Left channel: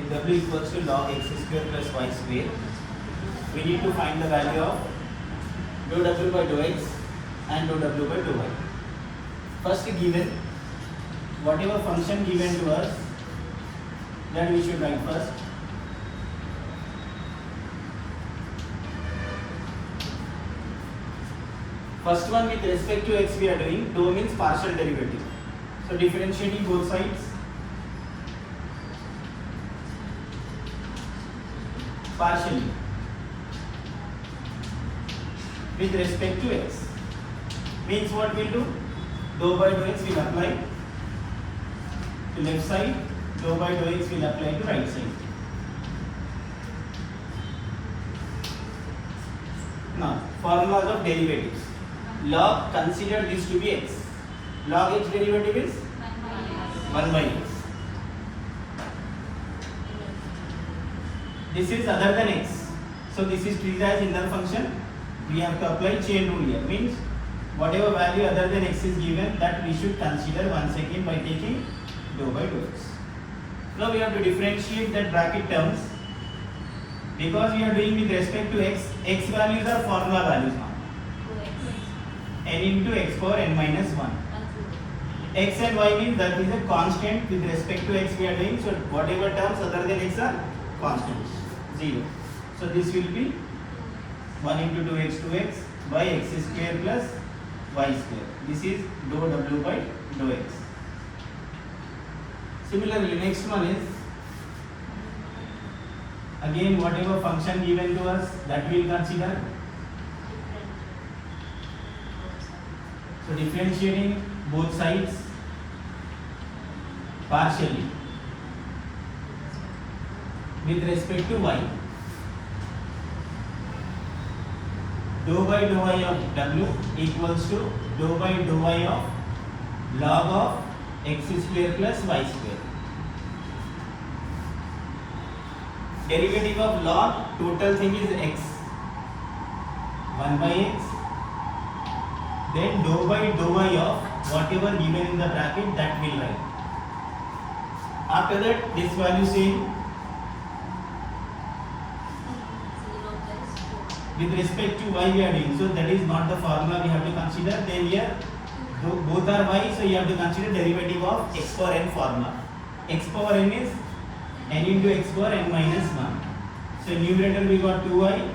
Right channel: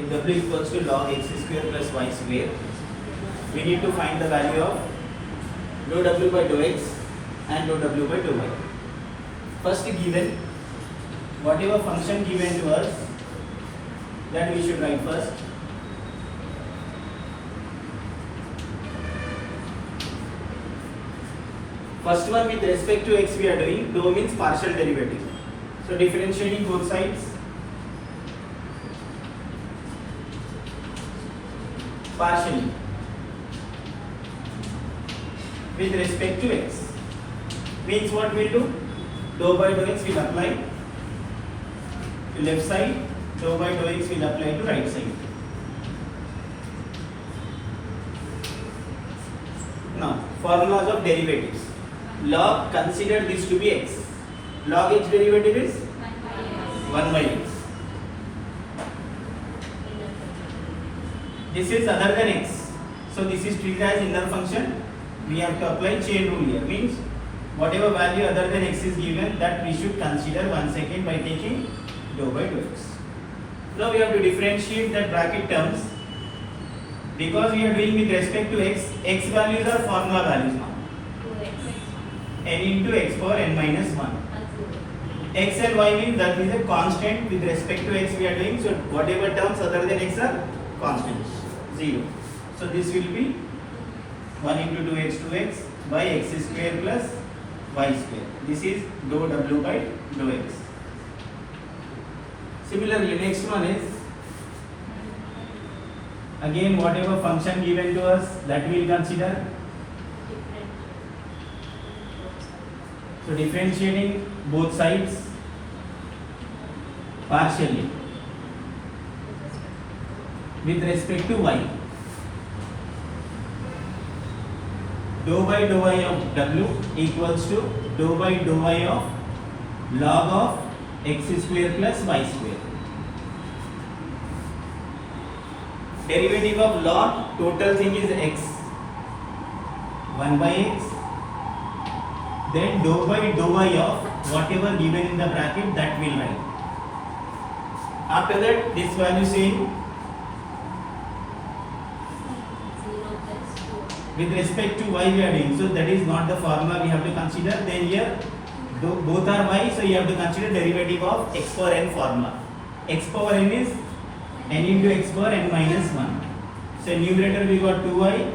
if w equals to log x square plus y square, we need to find the value of dou w by dou x and dou w by dou y. First given, whatever function given to us, that we should write first. First one, with respect to x we are doing, dou means partial derivative. So differentiating both sides, partially with respect to x, means what we'll do, dou by dou x will apply to left side, dou by dou x will apply to right side. Now formulas of derivatives. Log, consider this to be x. Log x derivative is 1 by x. This is other than x, so this is treated as inner function. We have to apply chain rule here, means whatever value other than x is given, that we should consider 1 second by taking dou by dou x. Now we have to differentiate that bracket terms, because we are doing with respect to x. X values are formula values now, n into x power n minus 1. X and y means that is a constant with respect to x we are doing, so whatever terms other than x are constants, 0. So this will be 1 into 2x 2x by x square plus y square. This is dou w by dou x. Similarly, next one is again whatever function given to us, that we will consider. So differentiating both sides partially with respect to y. Dou by dou y of w equals to dou by dou y of log of x square plus y square. Derivative of log, total thing is x, 1 by x, then dou by dou y of whatever given in the bracket, that will write. After that, this value same with respect to y we are doing, so that is not the formula we have to consider. Then here both are y, so you have to consider derivative of x power n formula. X power n is n into x power n minus 1. So numerator we got 2y.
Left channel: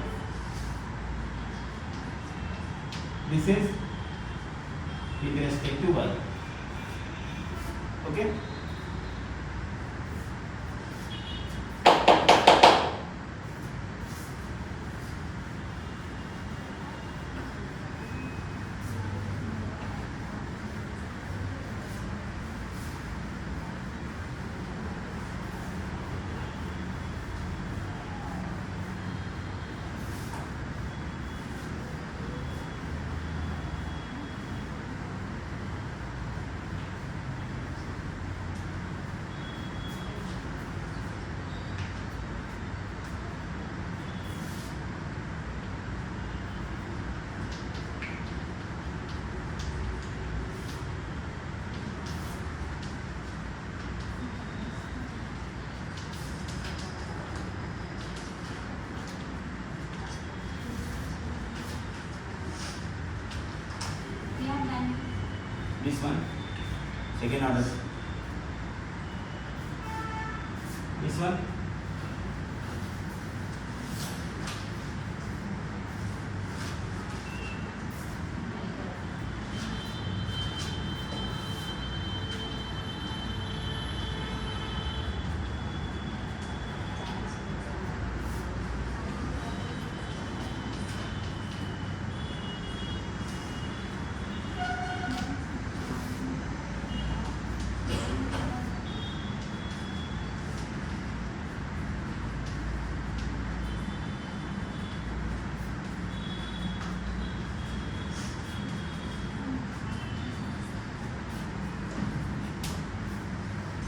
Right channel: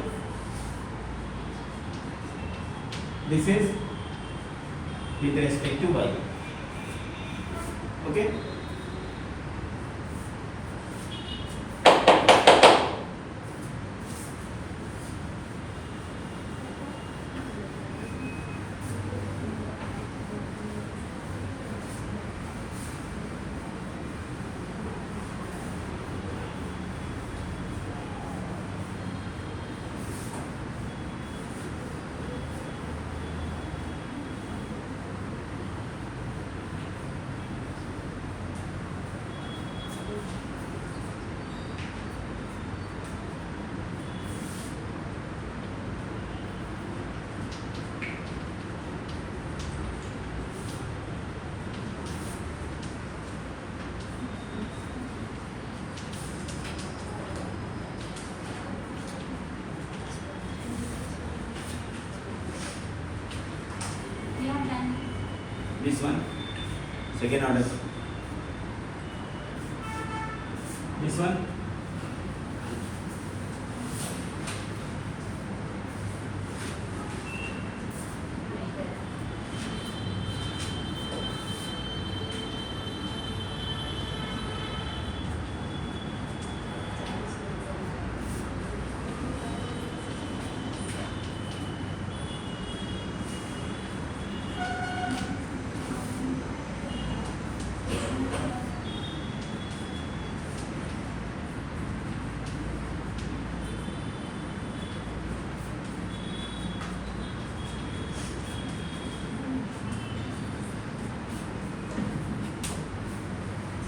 This is with respect to y. Okay. This one, second order. This one,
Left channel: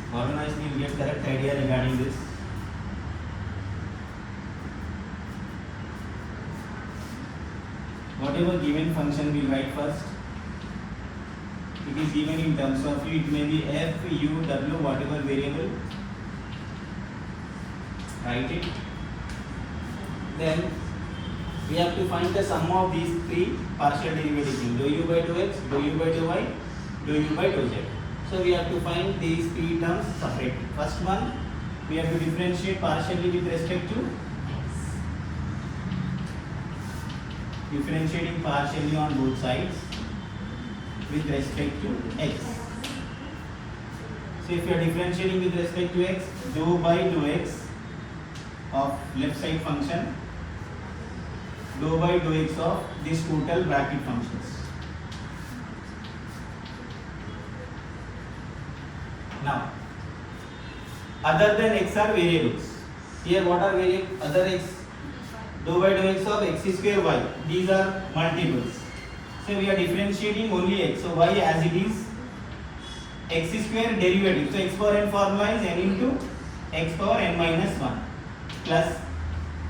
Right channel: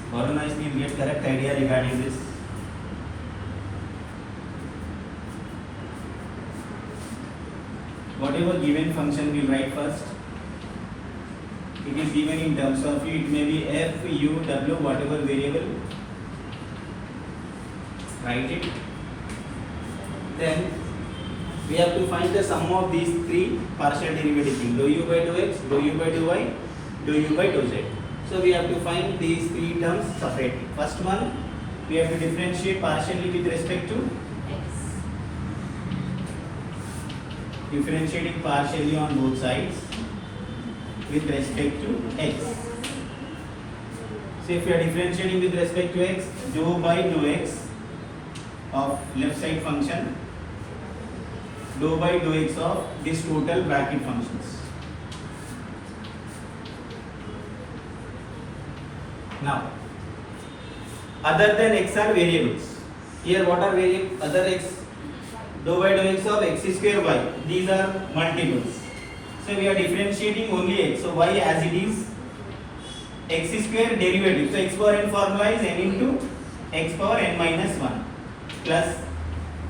follow nicely, you get correct idea regarding this. Whatever given function we write first. It is given in terms of, it may be f, u, w, whatever variable. Write it. Then we have to find the sum of these three partial derivatives: dou u by dou x, dou u by dou y, dou u by dou z. So we have to find these three terms separately. First one, we have to differentiate partially with respect to x. Differentiating partially on both sides with respect to x. So if you are differentiating with respect to x, dou by dou x of left side function, dou by dou x of this total bracket functions. Now, other than x are variables. Here what are variables? Other x, dou by dou x of x square y. These are multiples. So we are differentiating only x. So y as it is, x square derivative. So x power n formula is n into x power n minus 1 plus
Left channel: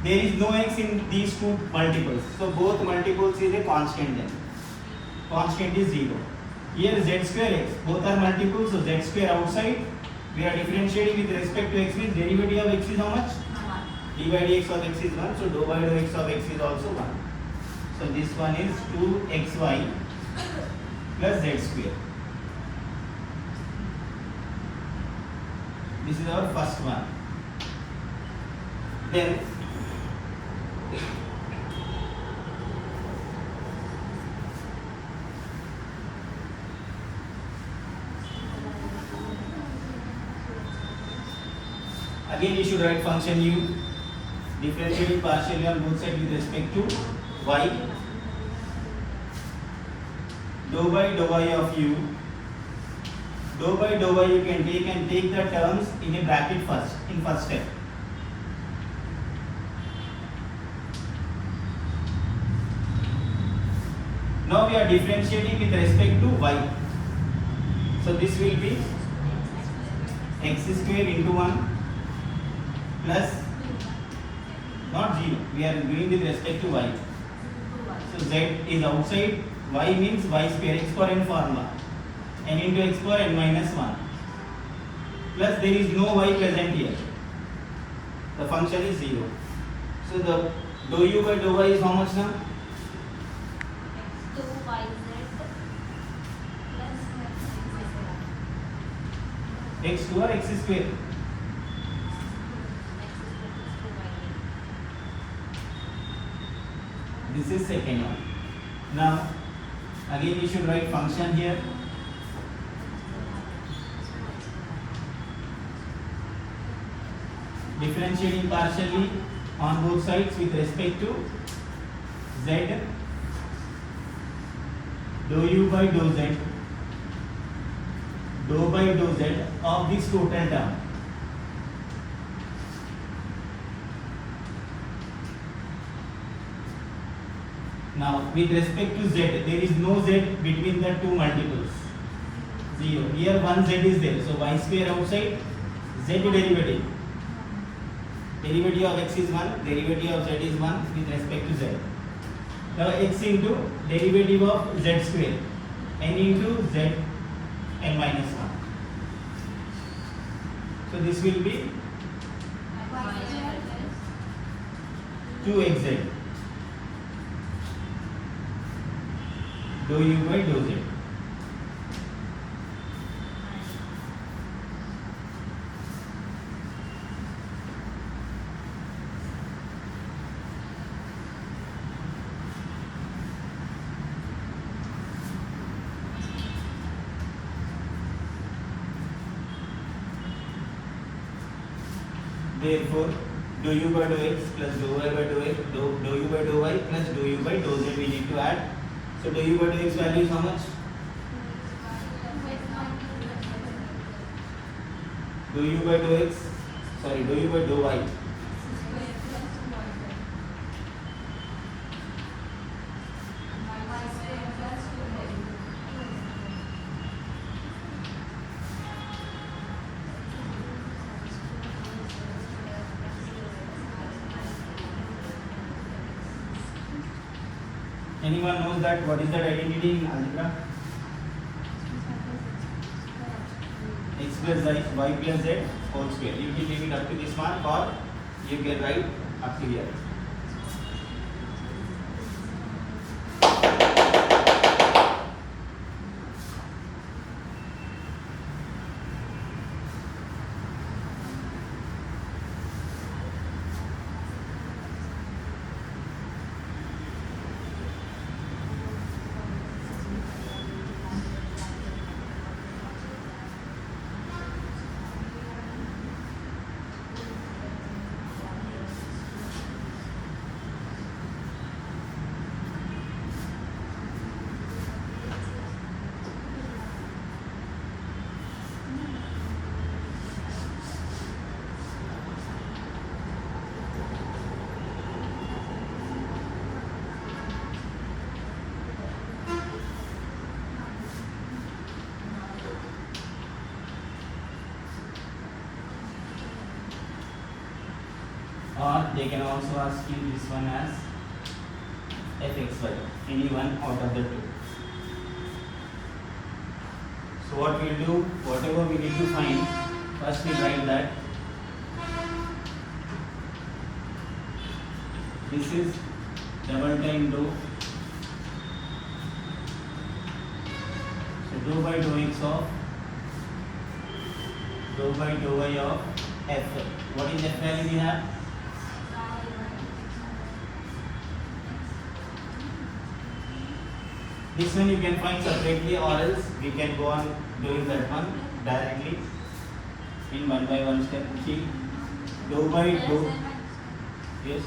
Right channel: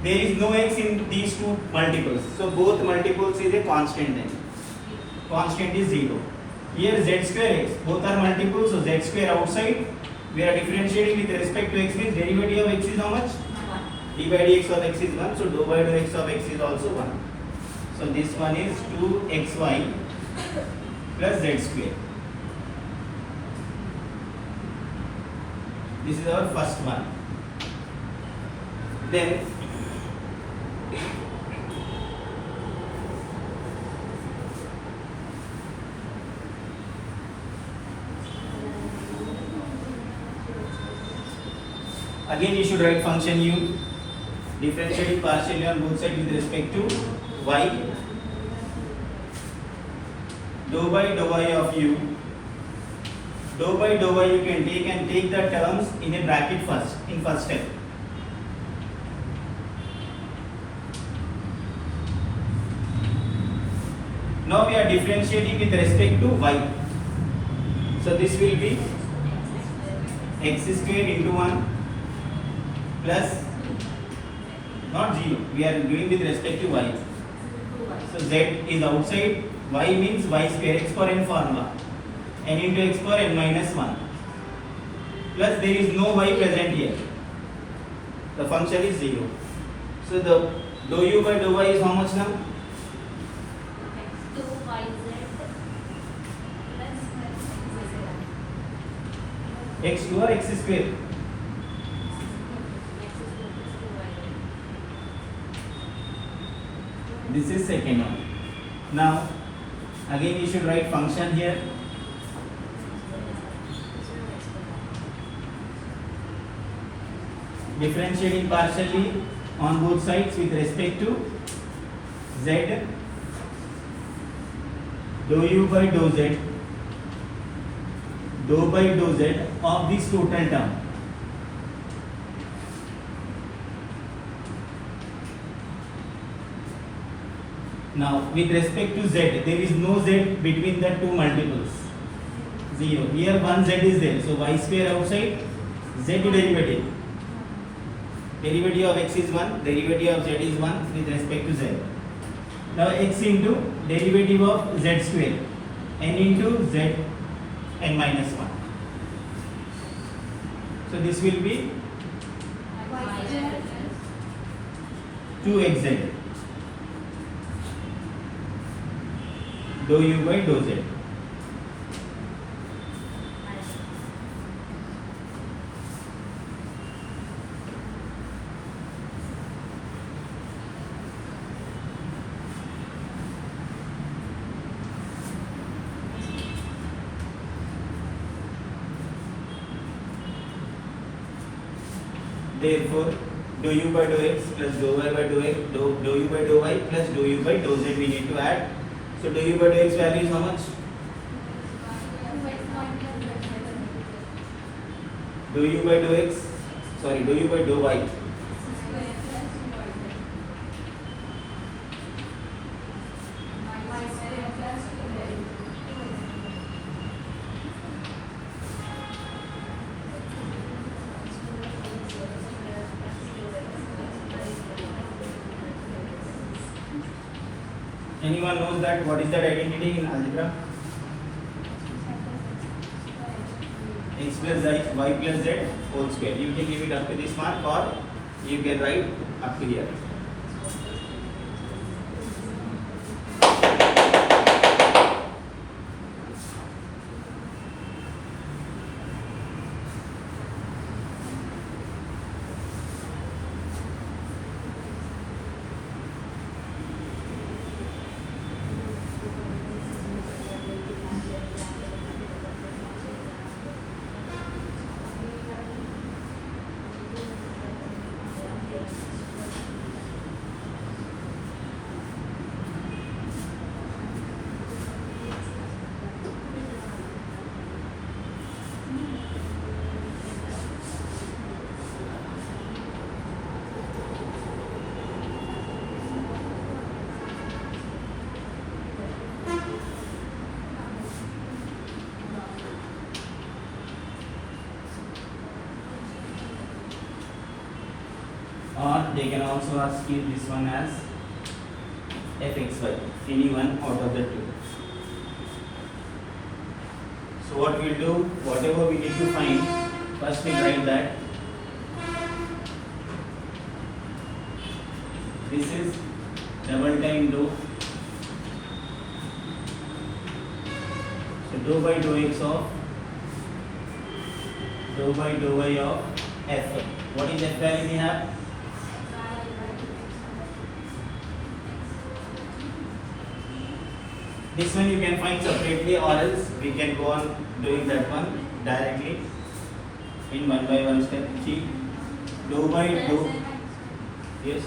there is no x in these two multiples. So both multiples is a constant then. Constant is 0. Here z square x. Both are multiples. So z square outside. We are differentiating with respect to x means derivative of x is how much? 1. d by dx of x is 1. So dou by dou x of x is also 1. So this one is 2xy plus z square. This is our first one. Then again you should write function u, differentiating partially on both sides with respect to y, dou by dou y of u. Dou by dou y you can take the terms in a bracket first, in first step. Now we are differentiating with respect to y. So this will be x square into 1 plus not 0. We are doing with respect to y. So z is outside. Y means y square, x power n formula. N into x power n minus 1 plus there is no y present here. The function is 0. So the dou u by dou y is how much now? x2 or x square? This is second one. Now again you should write function here. Differentiating partially on both sides with respect to z, dou u by dou z, dou by dou z of this total term. Now with respect to z, there is no z between the two multiples. 0. Here one z is there. So y square outside, z derivative. Derivative of x is 1, derivative of z is 1 with respect to z. Now x into derivative of z square, n into z n minus 1. So this will be 2xz dou u by dou z. Therefore, dou u by dou x plus dou y by dou x, dou u by dou y plus dou u by dou z we need to add. So dou u by dou x value is how much? Dou u by dou x, sorry, dou u by dou y. Anyone knows that what is that identity in algebra? X plus y plus z whole square. You can leave it up to this mark or You can write up to here. Or they can also ask you this one as fxy, any one out of the two. So what we'll do, whatever we need to find, first we write that this is double time dou. So dou by dou x of dou by dou y of f. What is f value we have? This one you can find separately, or else we can go on doing that one directly in one by one step. Keep dou by dou. Yes.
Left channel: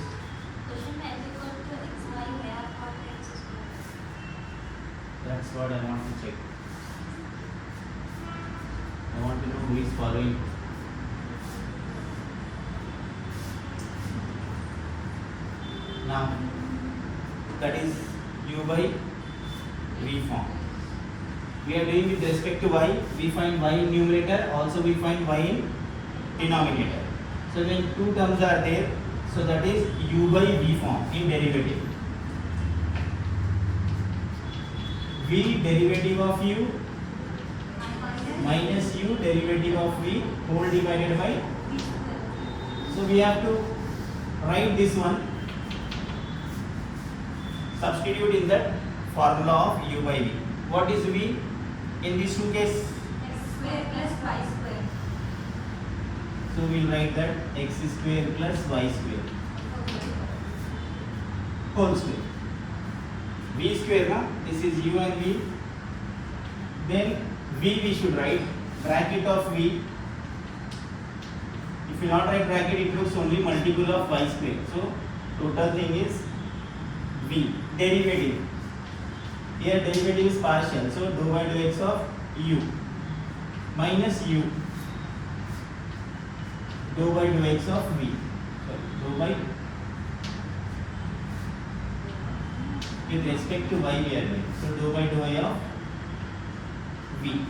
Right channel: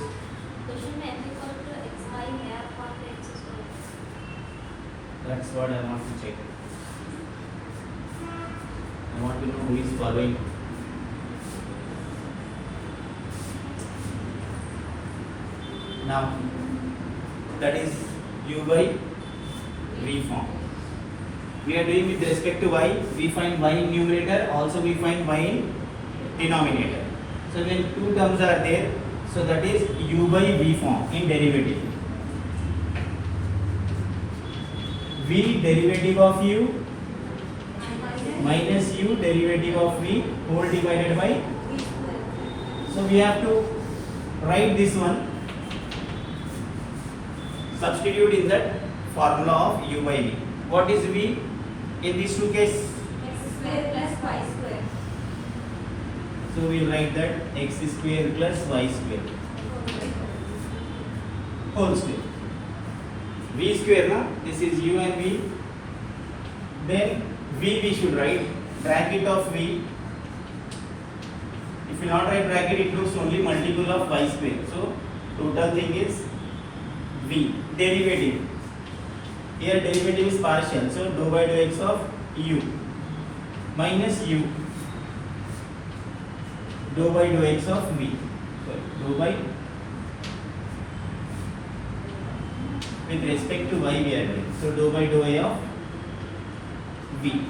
That's what I want to check. I want to know who is following. Now, that is u by v form. We are doing with respect to y. We find y in numerator, also we find y in denominator. So when two terms are there, so that is u by v form in derivative. V derivative of u minus u derivative of v whole divided by. So we have to write this one, substitute in that formula of u by v. What is v in these two cases? X square plus y square. So we write that x square plus y square whole square. V square now, this is u and v. Then v we should write bracket of v. If you not write bracket, it looks only multiple of y square. So total thing is v. Derivative. Here derivative is partial. So dou by dou x of u minus u dou by dou x of v. Sorry, dou by with respect to y we are doing. So dou by dou y of v.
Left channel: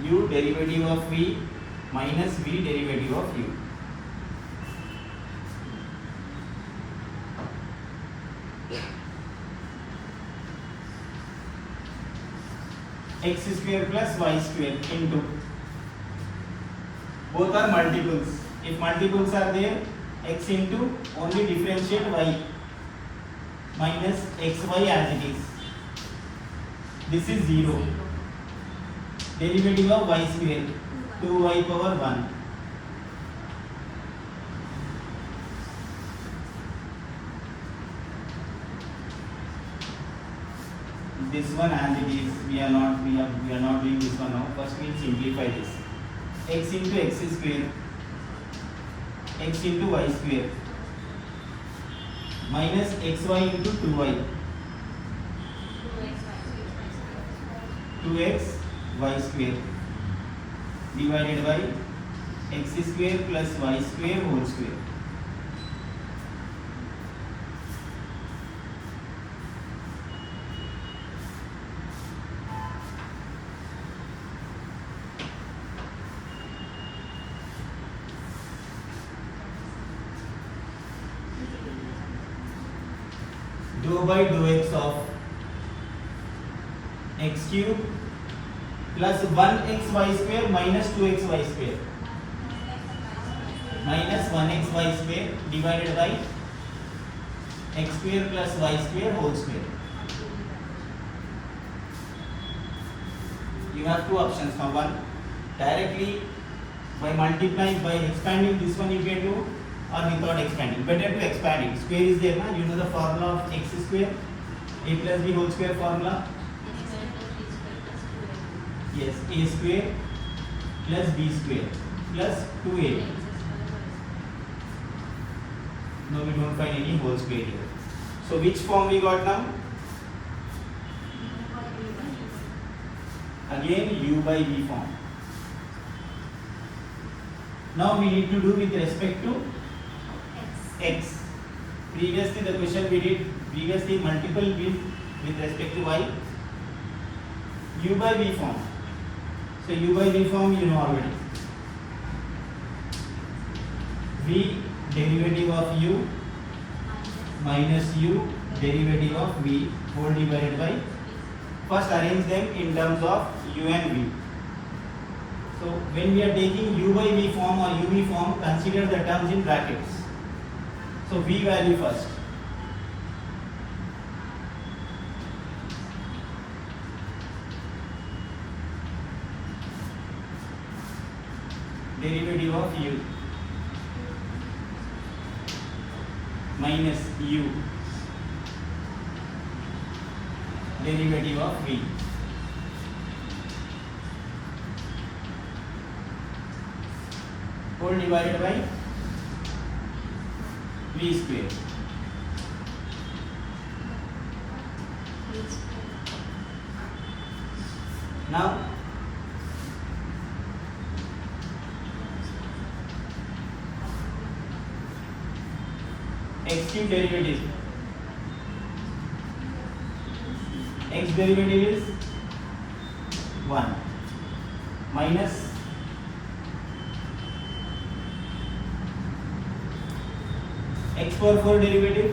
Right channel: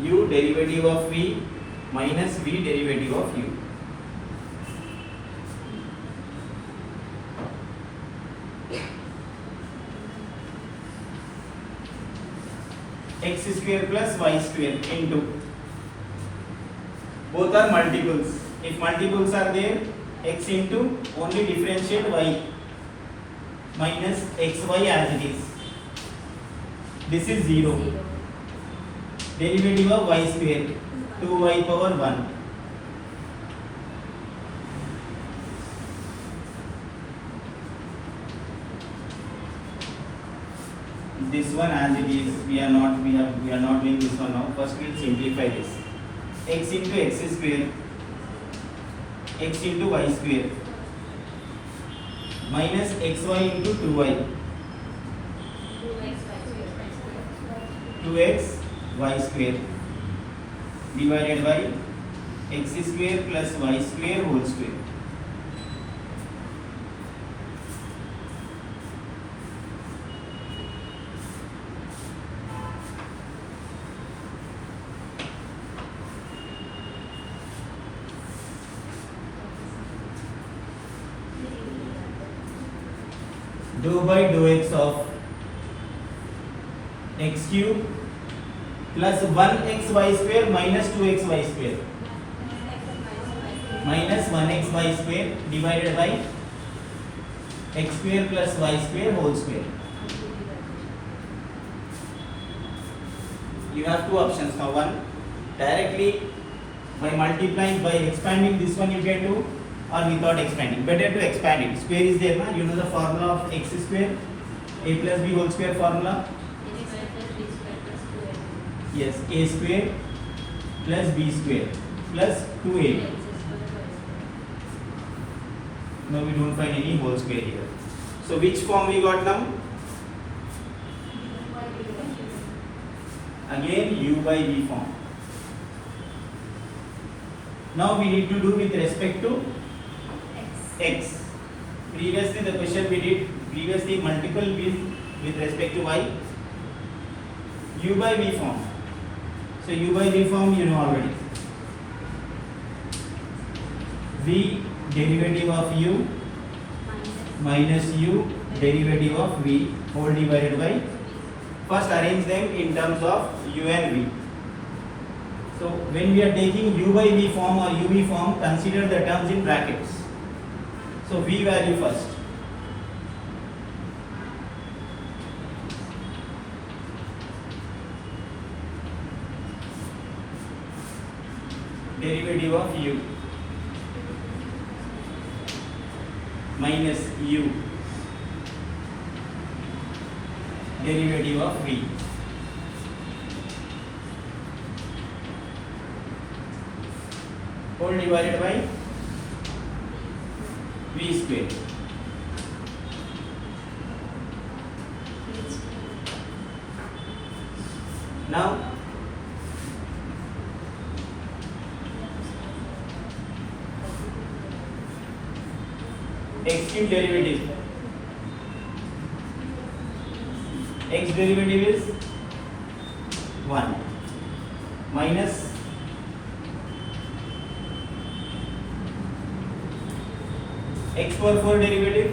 U derivative of v minus v derivative of u. X square plus y square into, both are multiples. If multiples are there, x into only differentiate y minus xy as it is. This is 0. Derivative of y square 2y power 1. This one as it is, we are not doing this one now. First we will simplify this. X into x square, x into y square minus xy into 2y, 2x y square divided by x square plus y square whole square. Dou by dou x of x cube plus 1xy square minus 2xy square. minus 1x y square divided by x square plus y square whole square. You have two options now. One, directly by multiplying, by expanding this one you can do, or without expanding. Better to expand it. Square is there, na? You know the formula of x square, a plus b whole square formula. Yes, a square plus b square plus 2ab. Now we don't find any whole square here. So which form we got now? Again u by v form. Now we need to do with respect to x. Previously the question we did multiple with respect to y. U by v form. So u by v form you know already. V derivative of u minus u derivative of v whole divided by. First arrange them in terms of u and v. So when we are taking u by v form or uv form, consider the terms in brackets. So v value first. Derivative of u minus u derivative of v. Whole divided by v square. Now x cube derivative. X derivative is 1 minus x power 4 derivative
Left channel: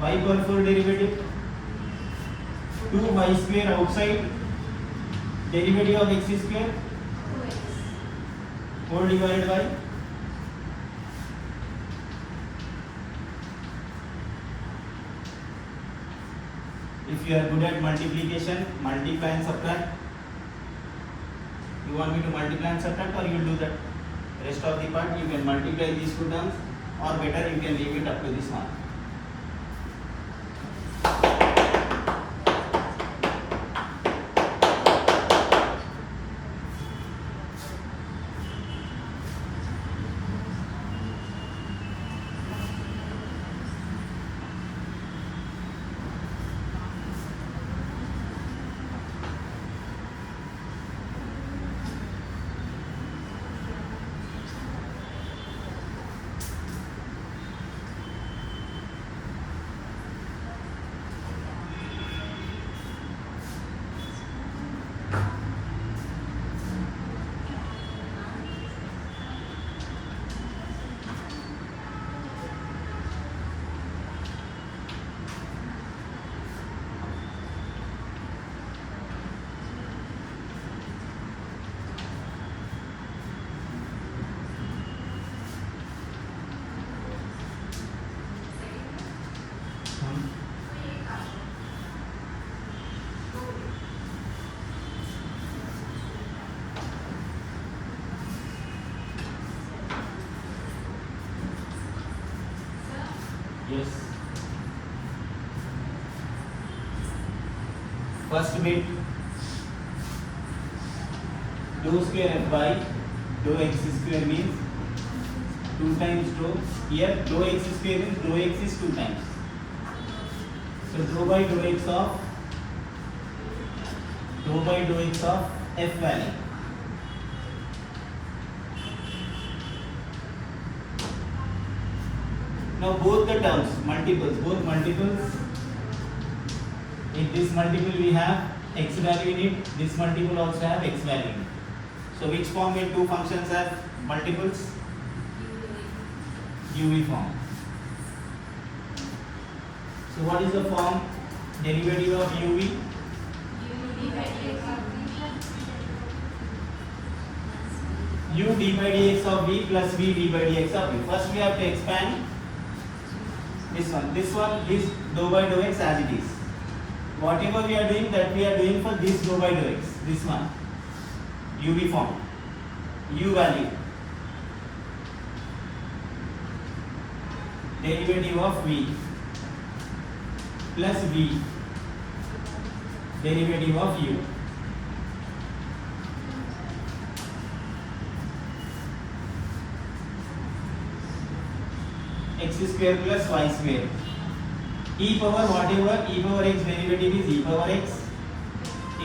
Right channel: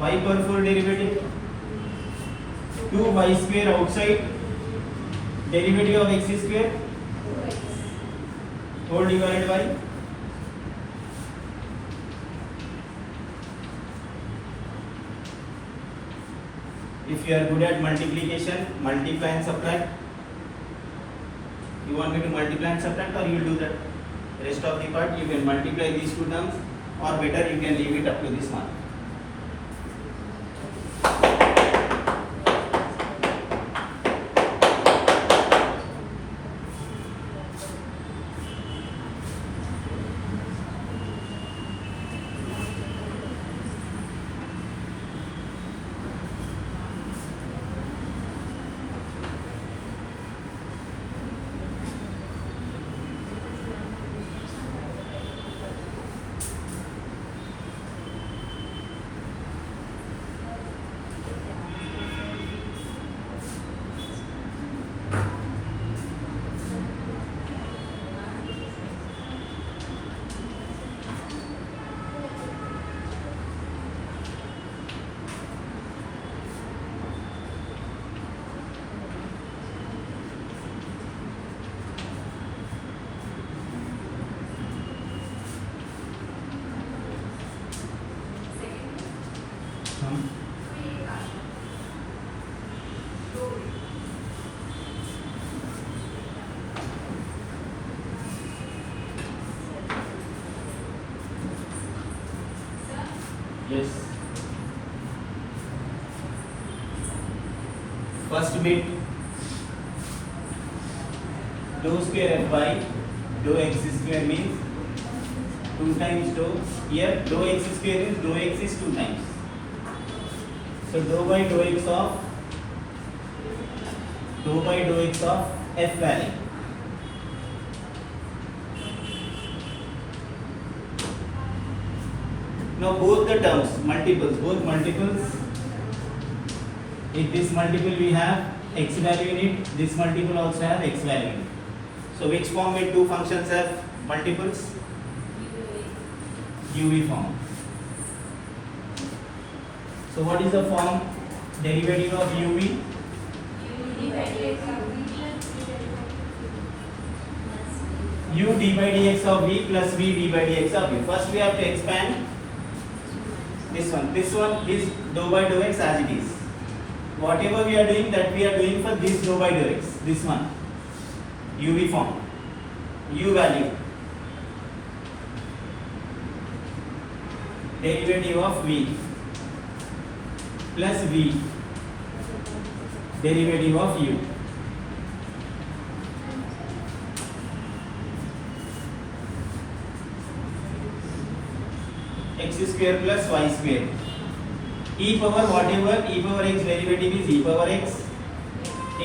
y power 4 derivative 2y square outside derivative of x square whole divided by if you are good at multiplication, multiply and subtract. You want me to multiply and subtract, or you will do the rest of the part? You can multiply these two terms, or better you can leave it up to this mark. Yes. First bit, dou square by dou x square means 2 times dou. Here dou x square means dou x is 2 times. So dou by dou x of f value. Now both the terms, both multiples, if this multiple we have x value in it, this multiple also have x value in it. So which form will two functions have multiples? UV form. So what is the form derivative of UV? d by dx of v plus v d by dx of v. First we have to expand this one. This one is dou by dou x as it is. Whatever we are doing, that we are doing for this dou by dou x. This one, uv form, u value, derivative of v plus v derivative of u. X square plus y square. E power whatever e power x derivative is e power x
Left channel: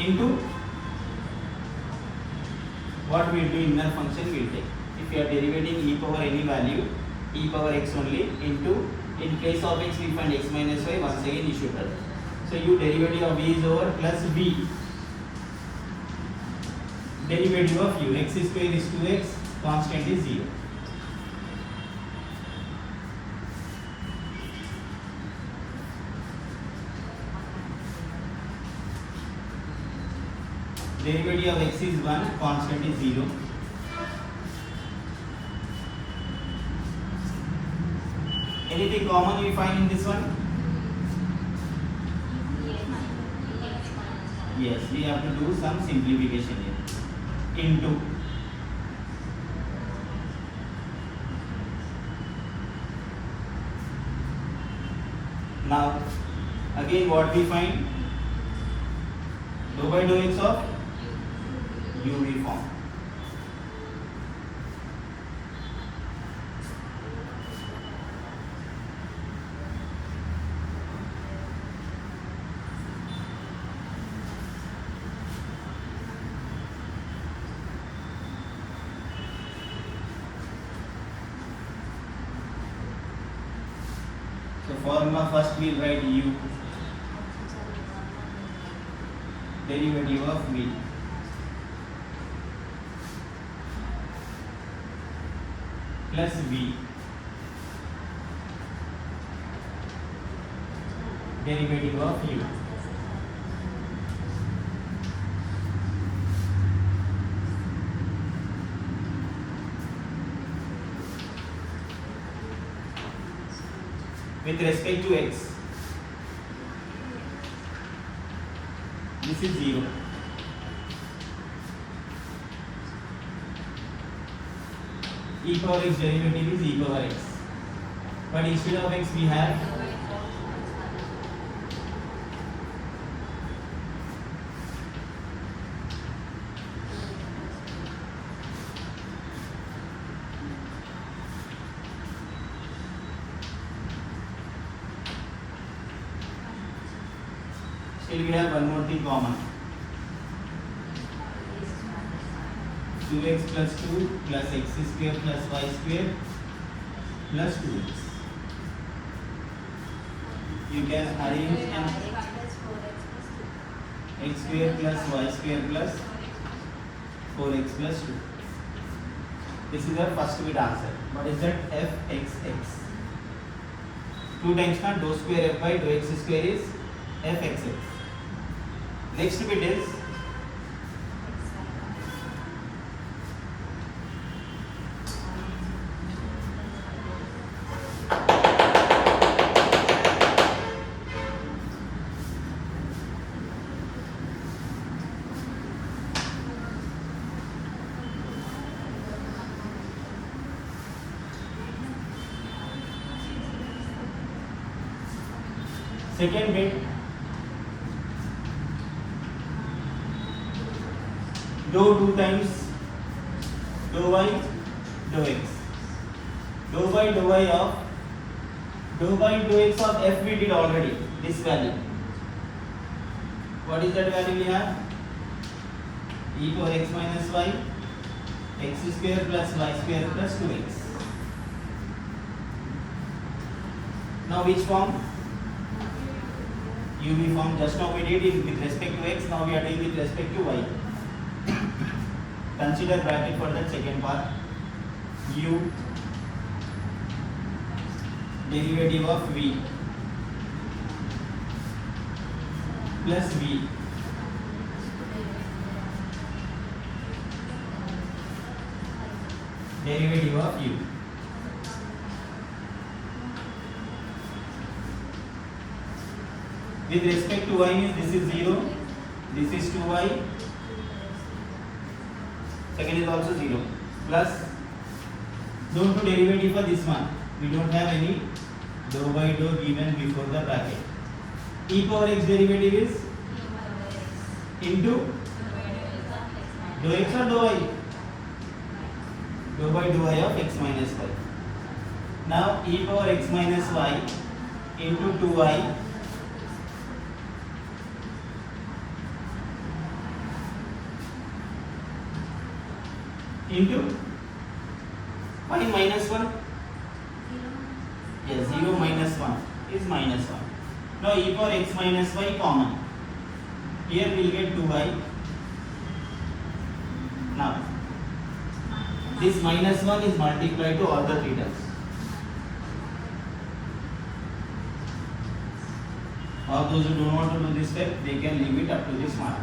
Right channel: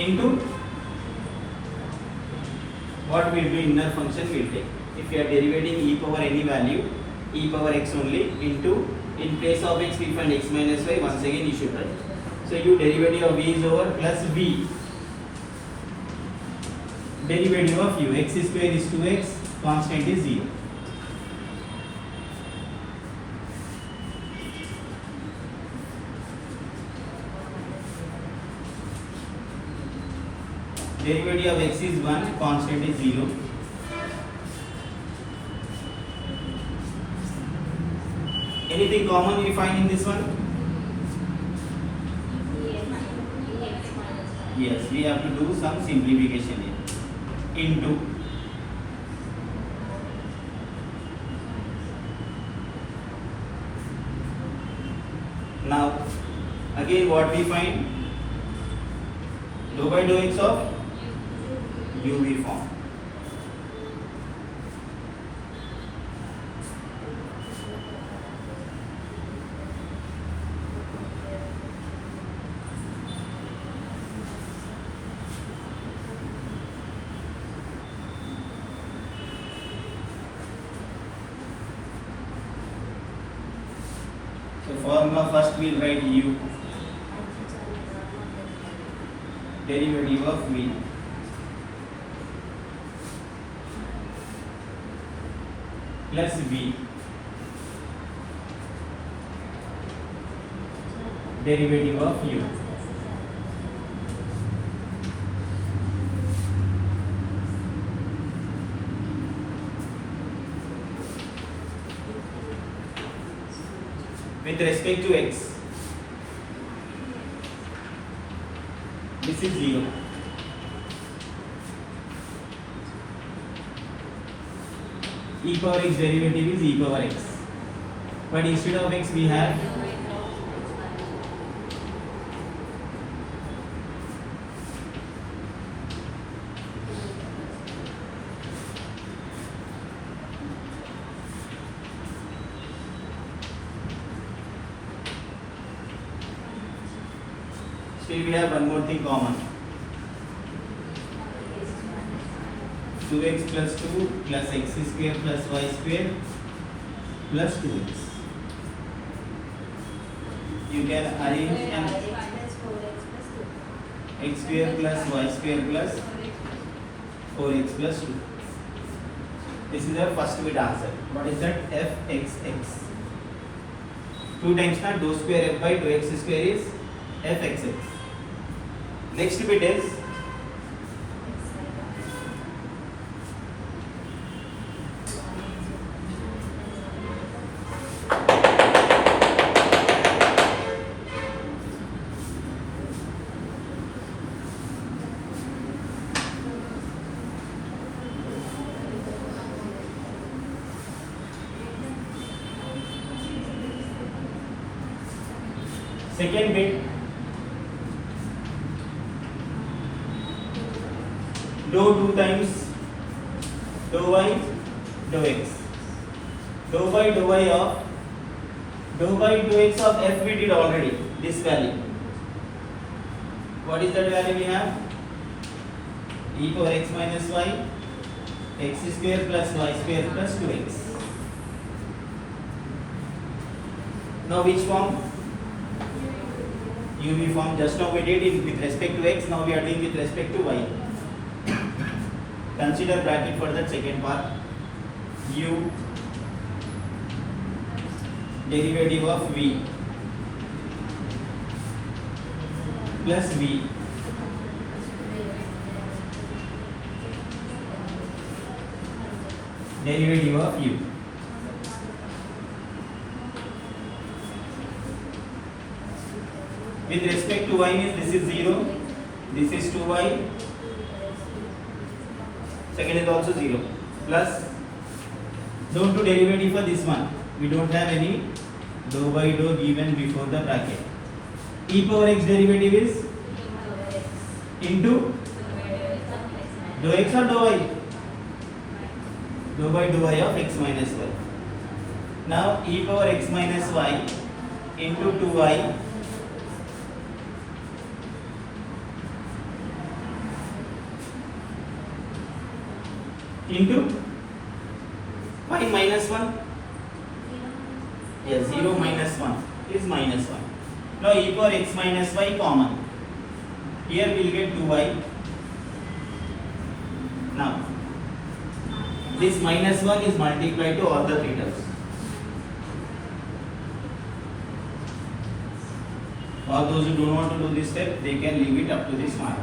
into what will be inner function will take. If you are derivating e power any value, e power x only into, in place of x we find x minus y, once again you should write. So u derivative of v is over plus v derivative of u. X square is 2x, constant is 0. Derivative of x is 1, constant is 0. Anything common you find in this one? Yes, we have to do some simplification here. Into now again what we find? Dou by dou x of uv form. So formula first we will write u derivative of v plus v derivative of u. With respect to x, this is 0. E power x derivative is e power x, but instead of x we have still we have one more thing common. 2x plus 2 plus x square plus y square plus 2x. You can arrange in x square plus y square plus 4x plus 2. This is our first bit answer. What is that? fxx. 2 times not dou square f by dou x square is fxx. Next bit is second bit. Dou 2 times dou y dou x. Dou by dou y of dou by dou x of f we did already. This value. What is that value we have? E power x minus y, x square plus y square plus 2x. Now which form? UV form. Just now we did it with respect to x, now we are doing with respect to y. Consider bracket for the second part. U derivative of v plus v derivative of u. With respect to y means this is 0, this is 2y, second is also 0, plus don't do derivative for this one. We don't have any dou by dou given before the bracket. E power x derivative is into dou x or dou y? Dou by dou y of x minus y. Now e power x minus y into 2y into y minus 1. Yes, 0 minus 1 is minus 1. Now e power x minus y common. Here we will get 2y. Now this minus 1 is multiplied to all the three terms. All those who don't want to do this step, they can leave it up to this mark.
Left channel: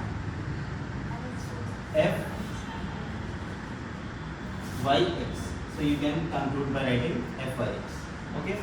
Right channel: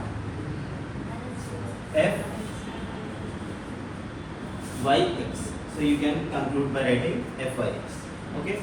F y x. So you can conclude by writing f y x. Okay.